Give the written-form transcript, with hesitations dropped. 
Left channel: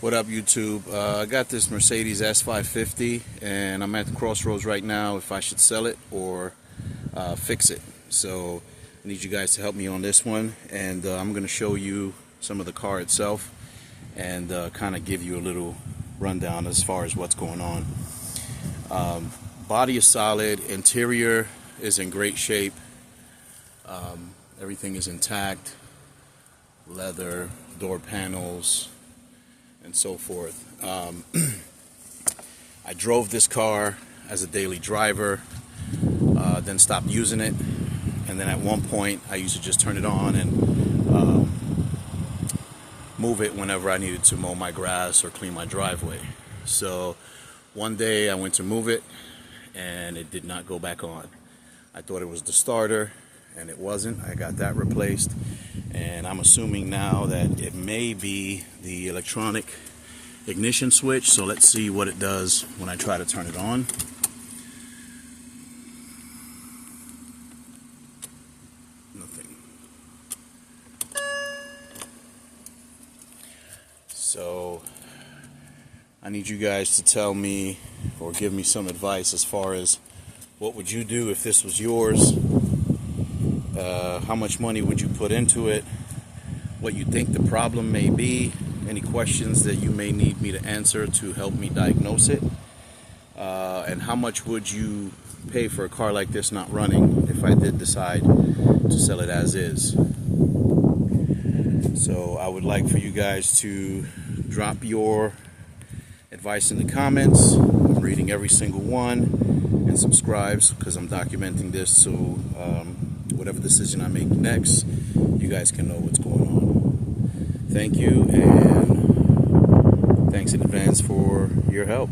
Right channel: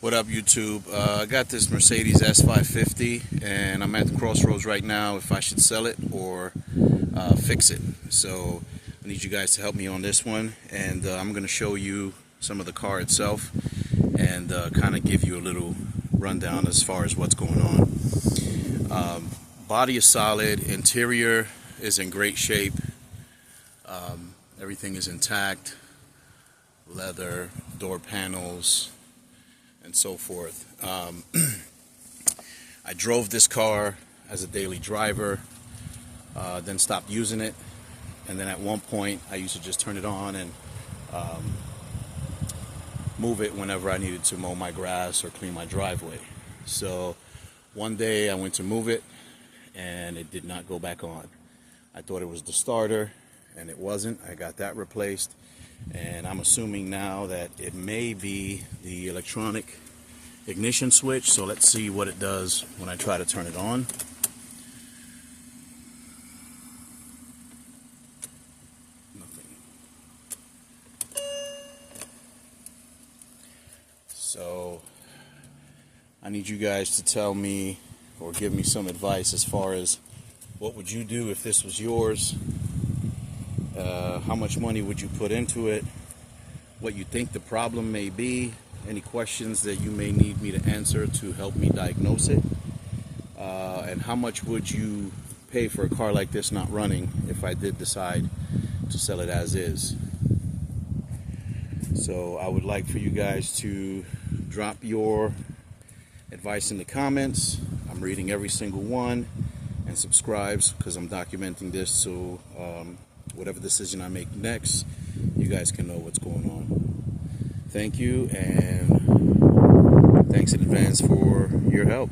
What up, YouTube? I got this Mercedes S550 and I'm at the crossroads right now if I should sell it or fix it. So I need you guys to help me on this one, and I'm going to show you some of the car itself and kind of give you a little rundown as far as what's going on. Body is solid, interior is in great shape, everything is intact, leather, door panels, and so forth. I drove this car as a daily driver, then stopped using it, and then at one point I used to just turn it on and move it whenever I needed to mow my grass or clean my driveway. So one day I went to move it and it did not go back on. I thought it was the starter, and it wasn't. I got that replaced, and I'm assuming now that it may be the electronic ignition switch. So let's see what it does when I try to turn it on. Nothing. So I need you guys to tell me or give me some advice as far as what would you do if this was yours. How much money would you put into it? What you think the problem may be? Any questions that you may need me to answer to help me diagnose it? And how much would you pay for a car like this not running if I did decide to sell it as is? So I would like for you guys to drop your advice in the comments. I'm reading every single one, and subscribe because I'm documenting this, so whatever decision I make next, you guys can know what's going on. Thank you, and thanks in advance for your help.